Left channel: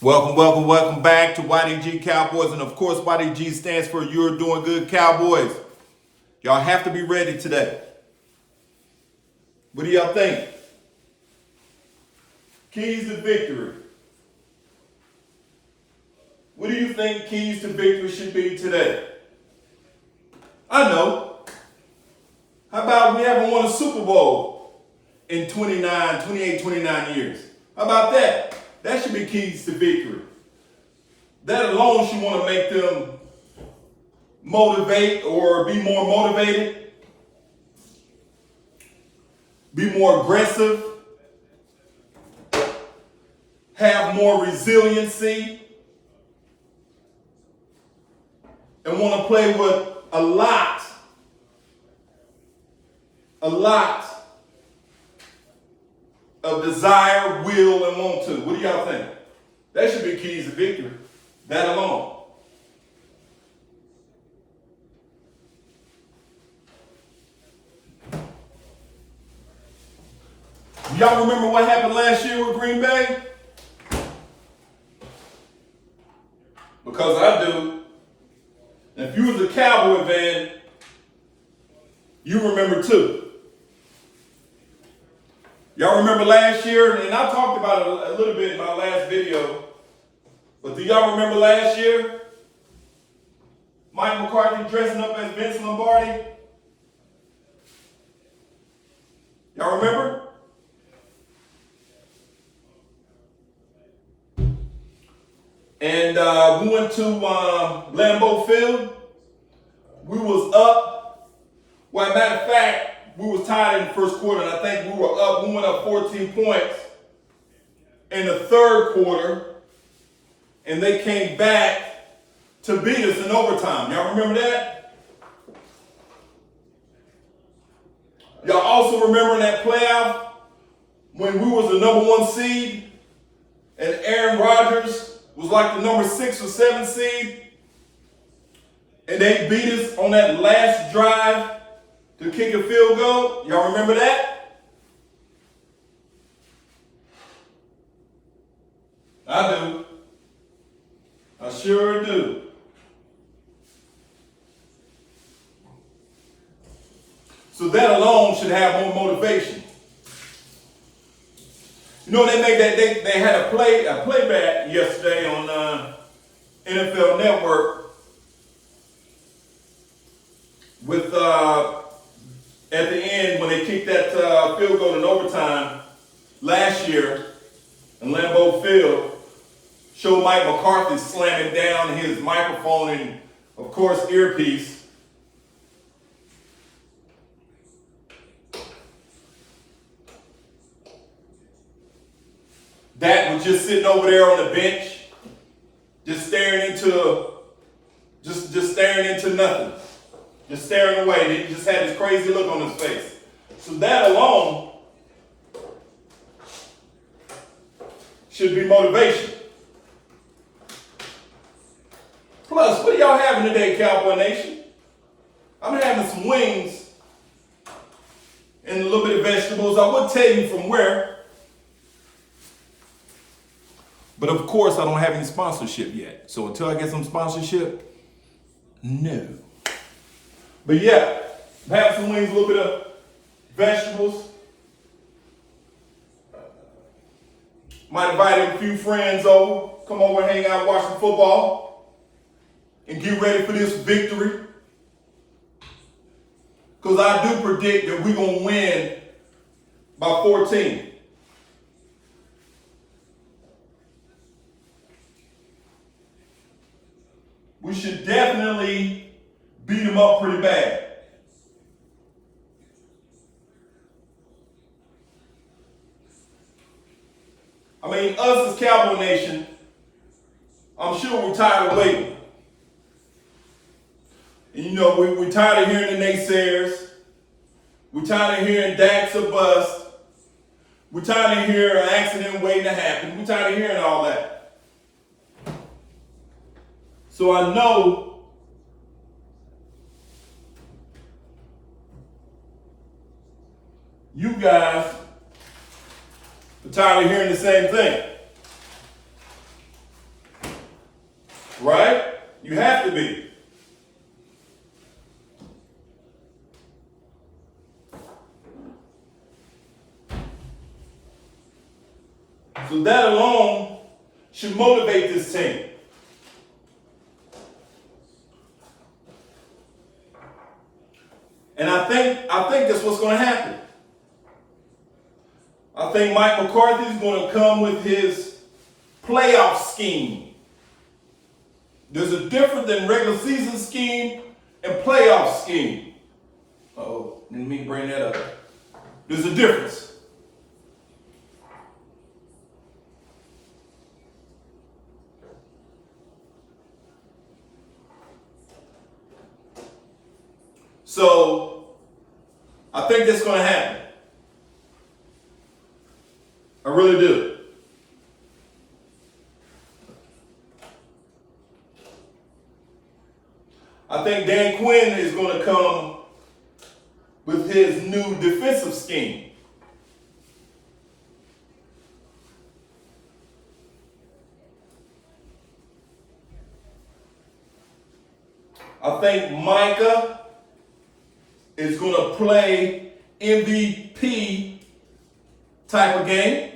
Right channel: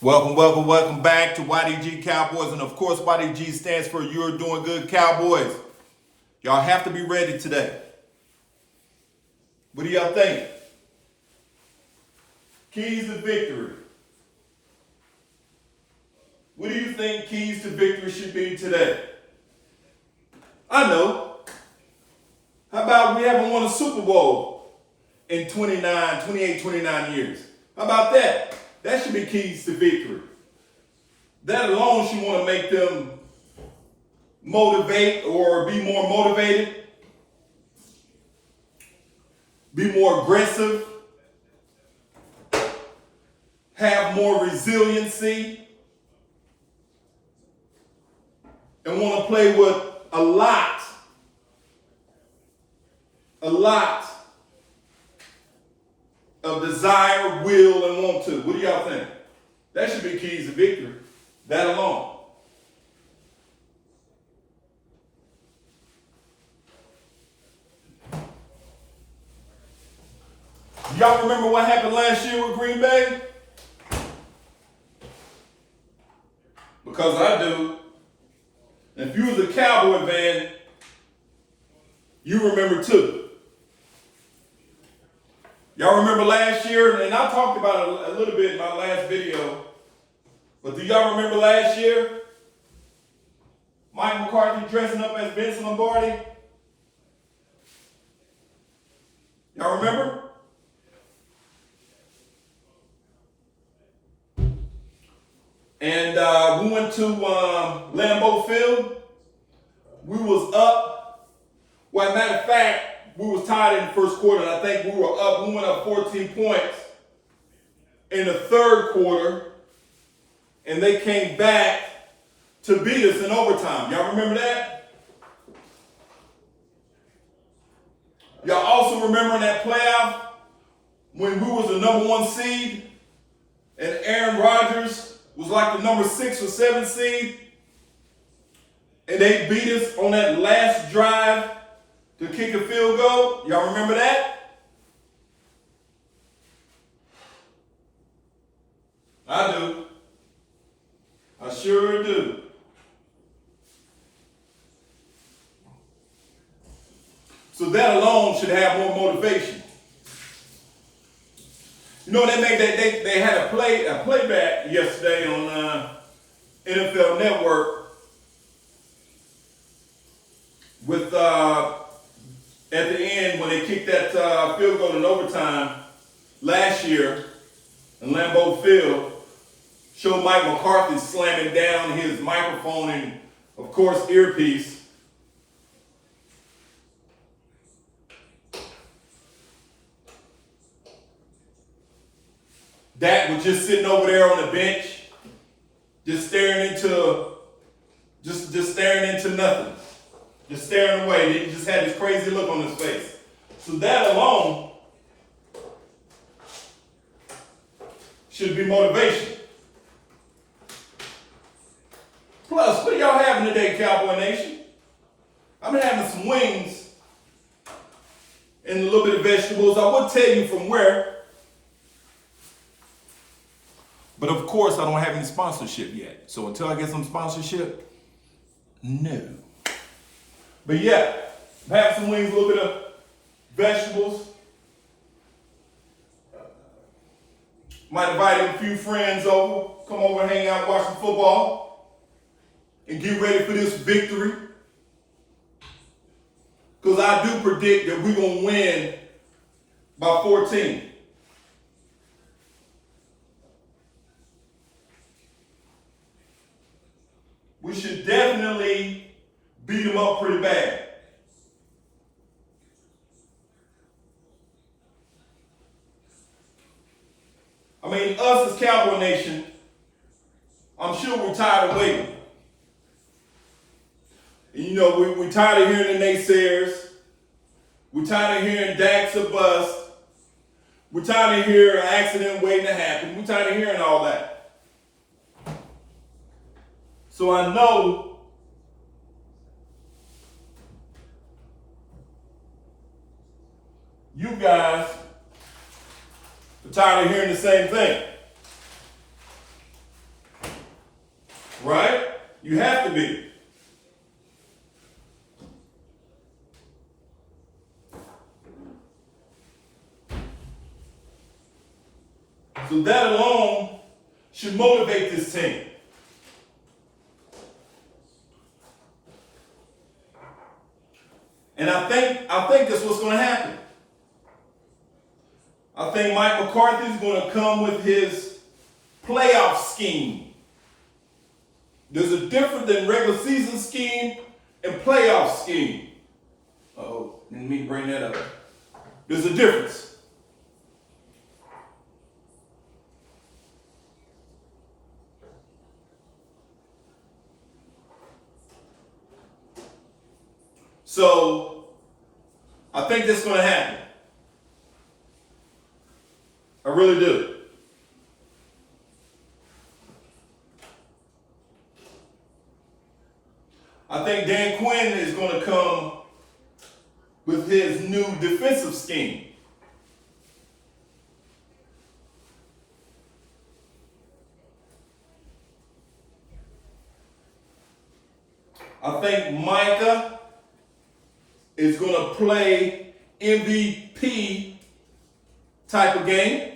Welcome back to YDG Cowboys. And of course, YDG stands for You're Doing Good Cowboys. Y'all have to be ready today. What do y'all think? Keys to victory. What do you think keys to victory should be today? I know. How about we haven't won a Super Bowl in 29 years? How about that? That should be keys to victory. That alone should want to make them motivate or be more motivated, be more aggressive, have more resiliency, and want to play with a lot of desire, will, and want to. What do y'all think? That should be keys to victory. That alone. Y'all remember what happened last year with Green Bay? Because I do. And if you was a Cowboy fan, you remember too. Y'all remember last year, and I talked about it a little bit in my last video, but do y'all remember last year? Mike McCarthy dressing up as Vince Lombardi? Y'all remember? And we went to Lambeau Field. We was up. Well, matter of fact, we was tied in the first quarter, and I think we went up 14 points in the third quarter, and they came back to beat us in overtime. Y'all remember that? Y'all also remember in that playoff when we was the number 1 seed and Aaron Rodgers was like the number 6 or 7 seed, and they beat us on that last drive to kick a field goal? Y'all remember that? I do. I sure do. So that alone should have more motivation. You know, they made that they had a playback yesterday on NFL Network with at the end when they kicked that field goal in overtime last year in Lambeau Field, showed Mike McCarthy slamming down his microphone and, of course, earpiece. Dak was just sitting over there on the bench, just staring into nothing. Just staring away. He just had this crazy look on his face. So that alone should be motivation. Plus, what are y'all having today, Cowboy Nation? I'm having some wings and a little bit of vegetables. I would tell you from where, but of course I don't have any sponsorship yet. So until I get some sponsorship, no. But yeah, I'm having some wings, a little bit of vegetables. Might invite a few friends over, come over and hang out, watch some football, and get ready for this victory. Because I do predict that we're going to win by 14. We should definitely beat them up pretty bad. I mean, us as Cowboy Nation, I'm sure we're tired of waiting. And you know, we're tired of hearing the naysayers. We're tired of hearing Dak's a bust. We're tired of hearing an accident waiting to happen. We're tired of hearing all that. So I know you guys are tired of hearing the same thing. You have to be. So that alone should motivate this team. And I think that's what's going to happen. I think Mike McCarthy is going to come with his playoff scheme. There's a difference than regular season scheme and playoff scheme. Oh, didn't mean to bring that up. There's a difference. So, I think that's going to happen. I really do. I think Dan Quinn is going to come with his new defensive scheme. I think Micah is going to play MVP type of game.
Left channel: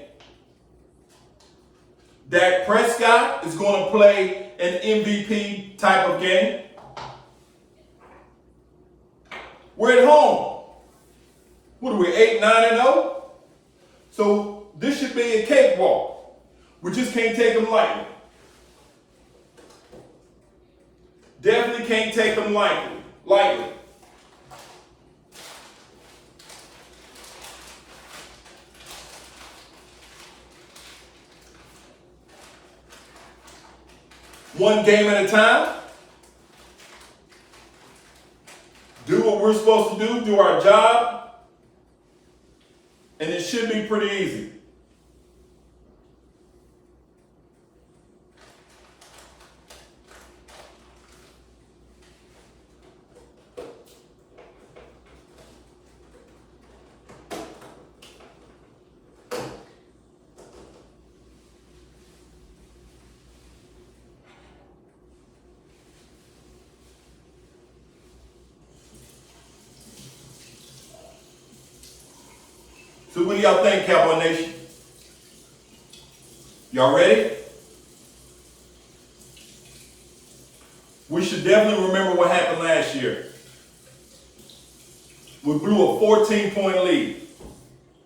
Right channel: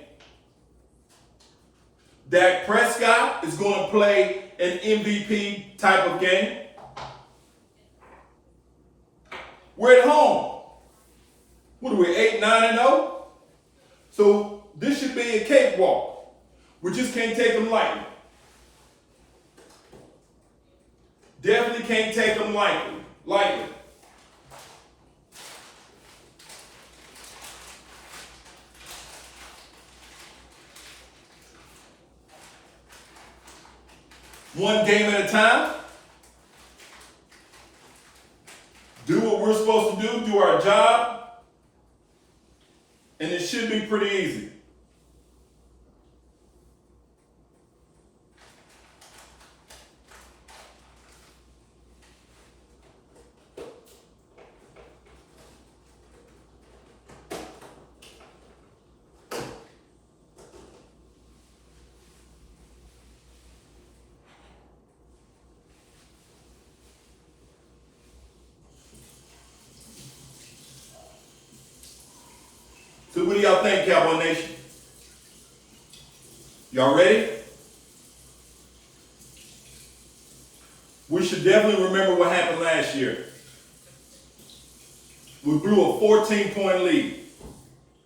Dak Prescott is going to play an MVP type of game. We're at home. What are we, 8-9-0? So this should be a cakewalk. We just can't take them lightly. Definitely can't take them lightly. One game at a time. Do what we're supposed to do our job, and it should be pretty easy. So what do y'all think, Cowboy Nation? Y'all ready? We should definitely remember what happened last year. We blew a 14-point lead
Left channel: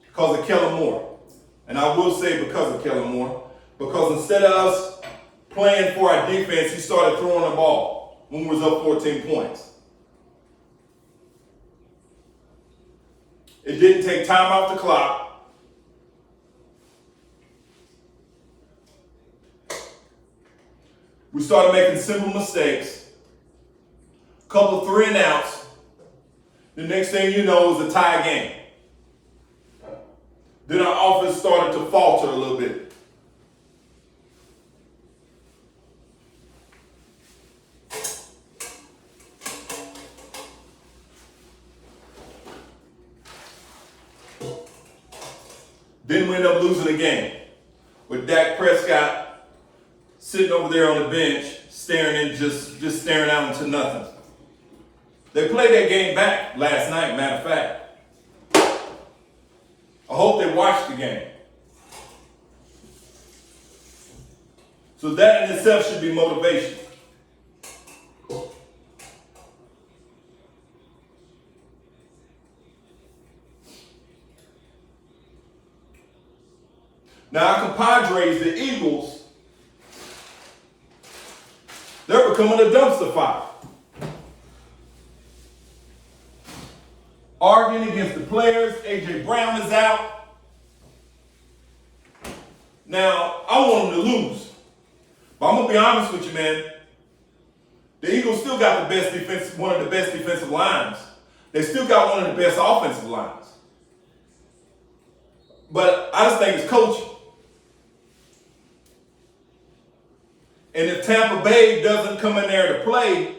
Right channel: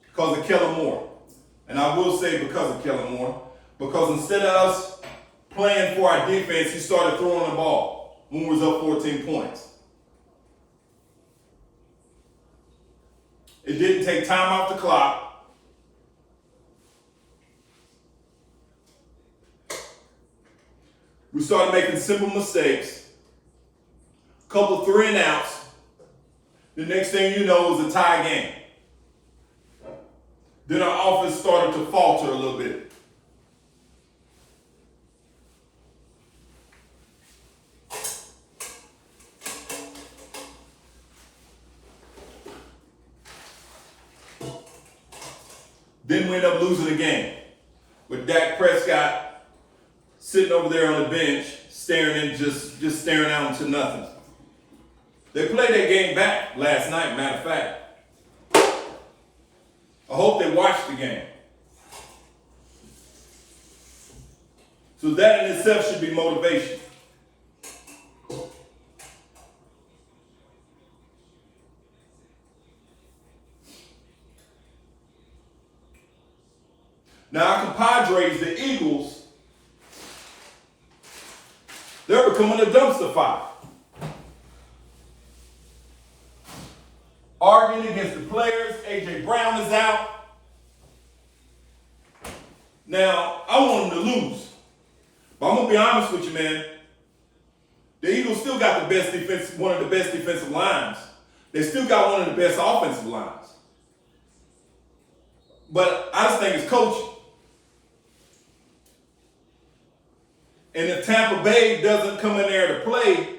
because of Kellen Moore. And I will say because of Kellen Moore, because instead of us playing for our defense, he started throwing the ball when we was up 14 points. It didn't take time off the clock. We started making simple mistakes. Couple 3 and outs. The next thing you know was a tie game. Then our offense started to falter a little bit. Then we end up losing the game with Dak Prescott sitting over there on the bench, staring and just staring out into nothing. They played that game back last night, matter of fact. I hope they watched the game. So that in itself should be motivation. Now, our compadres, the Eagles, they're becoming a dumpster fire. Arguing against the players. A.J. Brown is out. Now, I want them to lose. But I'm going to be honest with you, man. The Eagles still got the best defense, one of the best defensive lines. They still got one of the best offensive lines. But I just think it's coaching. And if Tampa Bay doesn't come in there to play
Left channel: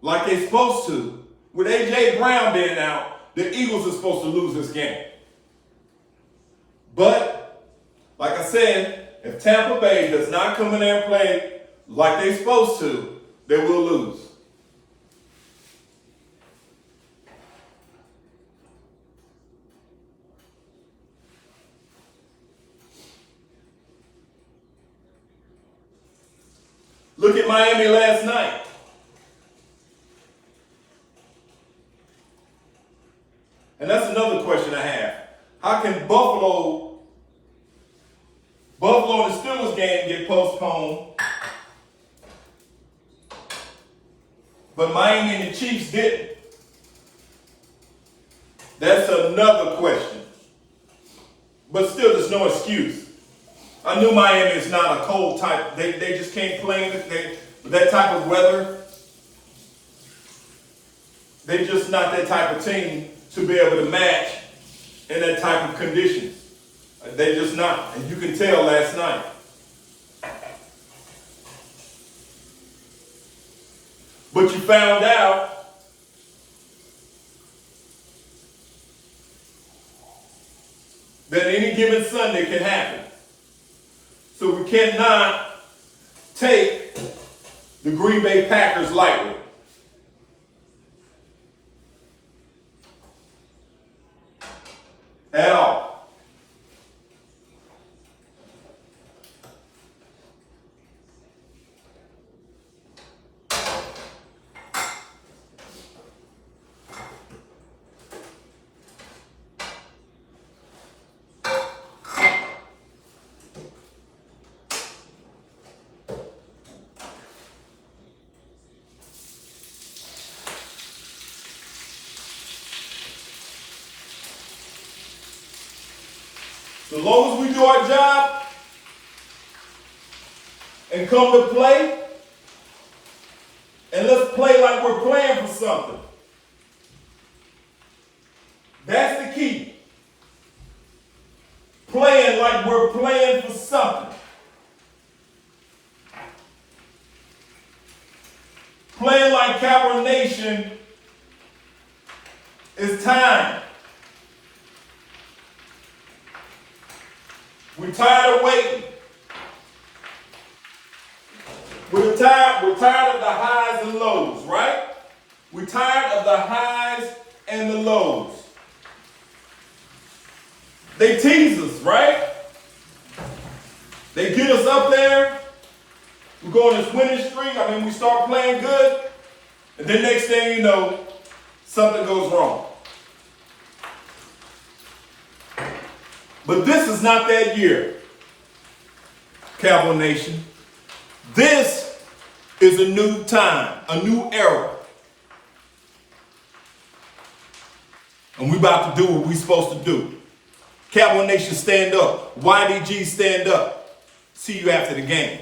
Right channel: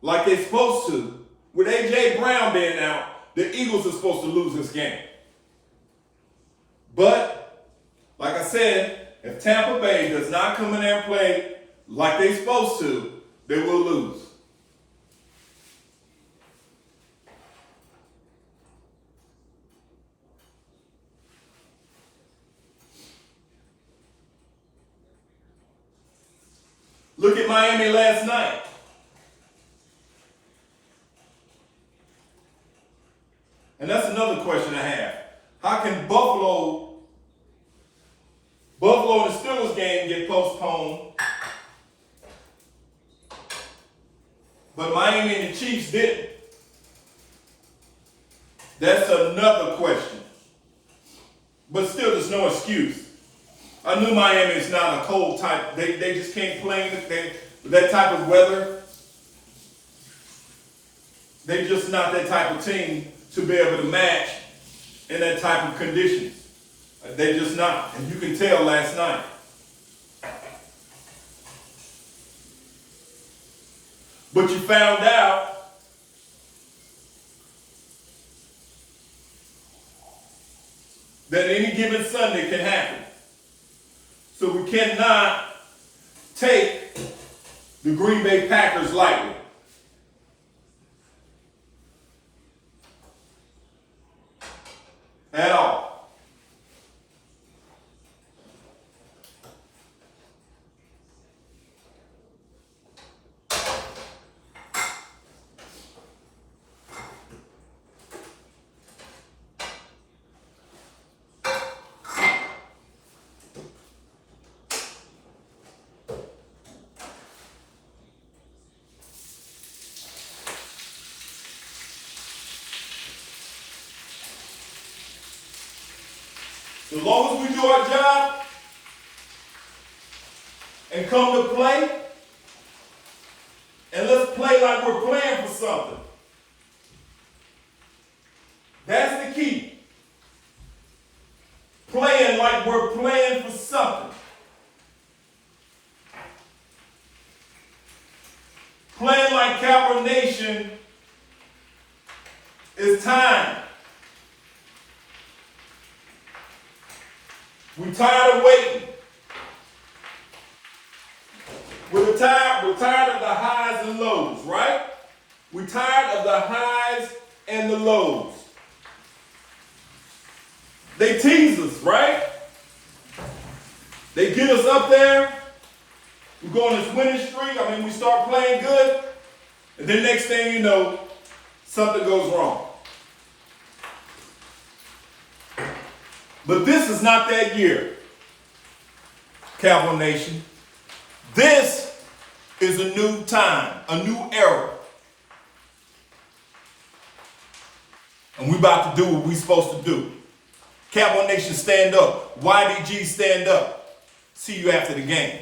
like they're supposed to, with A.J. Brown being out, the Eagles are supposed to lose this game. But, like I said, if Tampa Bay does not come in there and play like they're supposed to, they will lose. Look at Miami last night. And that's another question I have. How can Buffalo and the Steelers game get postponed, but Miami and the Chiefs didn't? That's another question. But still, there's no excuse. I knew Miami is not a cold type. They just can't play with that type of weather. They're just not that type of team to be able to match in that type of conditions. They're just not. And you can tell last night. But you found out that any given Sunday can happen. So we cannot take the Green Bay Packers lightly. At all. So as long as we do our job and come to play, and let's play like we're playing for something. That's the key. Playing like we're playing for something. Playing like Cowboy Nation is time. We're tired of waiting. We're tired of the highs and lows, right? We're tired of the highs and the lows. They tease us, right? They get us up there. We go on this winning streak. We start playing good. And then next thing you know, something goes wrong. But this is not that year, Cowboy Nation. This is a new time, a new era. And we about to do what we supposed to do. Cowboy Nation, stand up. YDG, stand up. See you after the game.